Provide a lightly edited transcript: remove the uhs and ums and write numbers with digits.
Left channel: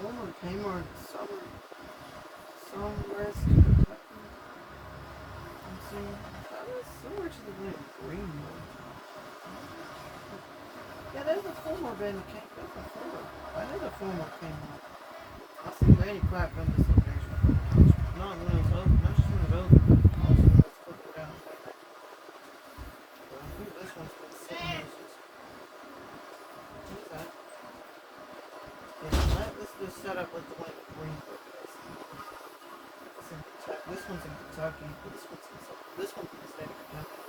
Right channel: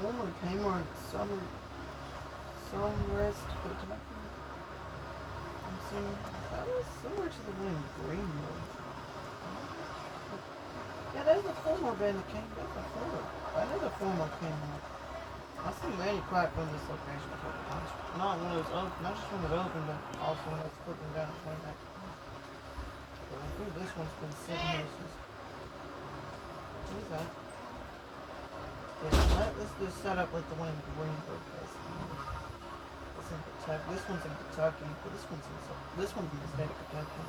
former Kmart Somewest, Kentucky. I'm seeing that was similar to the one in Greenwood. Yeah, there's a former band that came. There's a former. That is a former Kmart. I see Manny Clap on this location. Not when it was open, not just when it opened, but also when it's cooking down and playing. I think this one's been sitting here since. What is that? Yeah, let's just set up like the one in Greenwood, basically. It's in Kentucky. This one's in Kentucky, but this one's in the state of Kentucky.